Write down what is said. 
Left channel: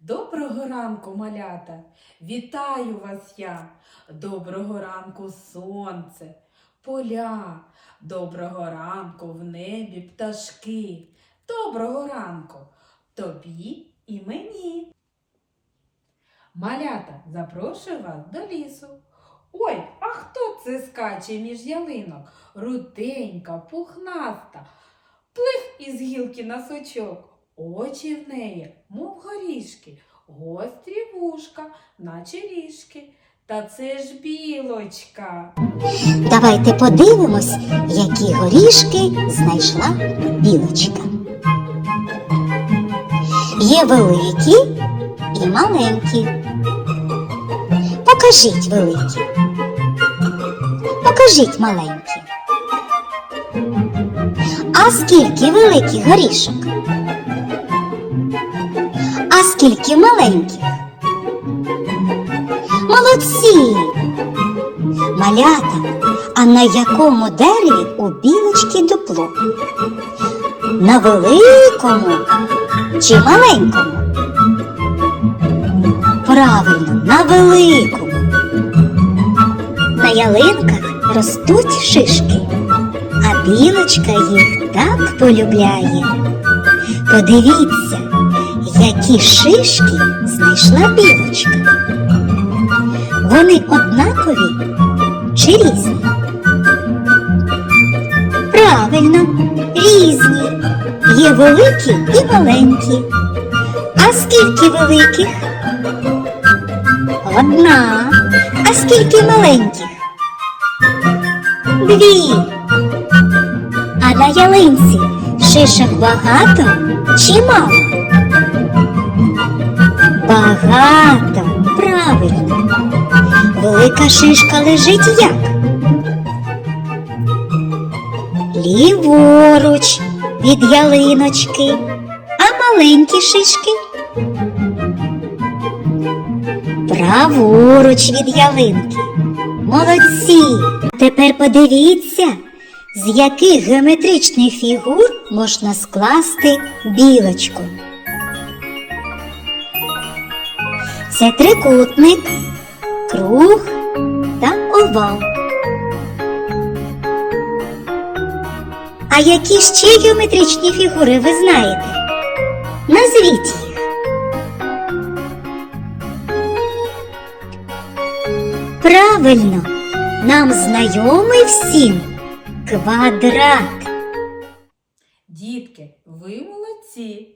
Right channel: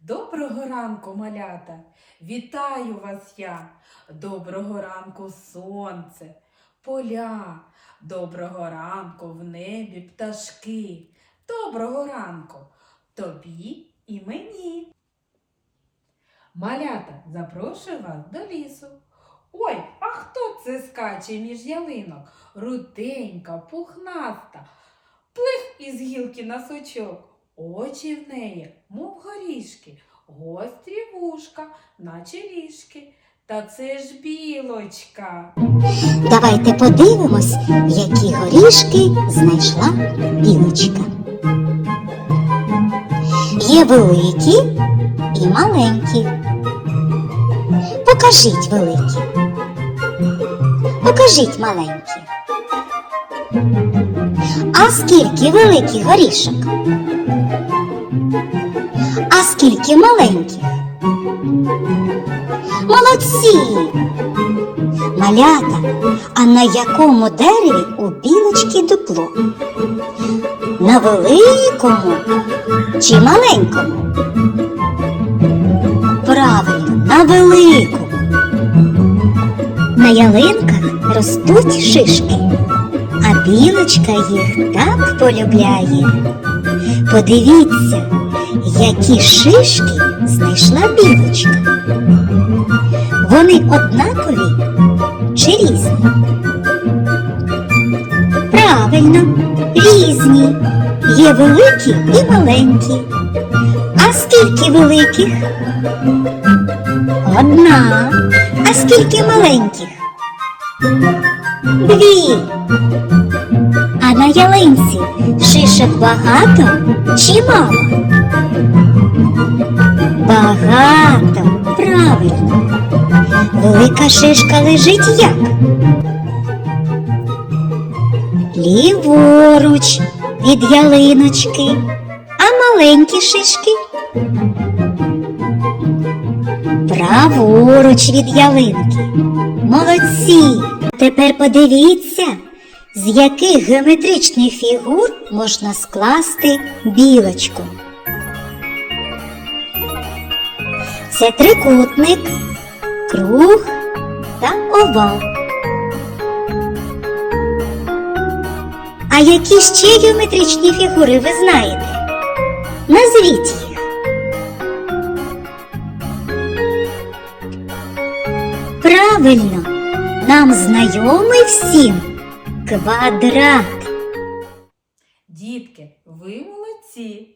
Доброго ранку, малята! Вітаю вас я! Доброго ранку, сонце, поля, доброго ранку в небі пташки. Доброго ранку тобі і мені. Малята, запрошую вас до лісу. Ой, а хто це скаче між ялинок? Руденька, пухнаста, плих із гілки на сучок. Очі в неї, мов горішки, гострі вушка, наче ріжки. Та це ж білочка. Давайте подивимось, які горішки знайшла білочка. Є великі і маленькі. Покажіть великі. Покажіть маленькі. А скільки великих горішок? А скільки маленьких? Молодці! Малята, а на якому дереві у білочки дупло? На великому чи маленькому? Правильно, на великому. На ялинках ростуть шишки, а білочка їх так полюбляє. Подивіться, які шишки знайшла білочка. Вони однакові чи різні? Правильно, різні. Є великі і маленькі. А скільки великих? Одна. А скільки маленьких? Дві. А на ялинці шишок багато чи мало? Багато. Правильно. Велика шишка лежить як? Ліворуч від ялиночки, а маленькі шишки. Праворуч від ялинки. Молодці! Тепер подивіться, з яких геометричних фігур можна скласти білочку. Це трикутник, круг та овал. А які ще геометричні фігури ви знаєте? Назвіть їх. Правильно, нам знайомий всім квадрат. Дітки, ви молодці.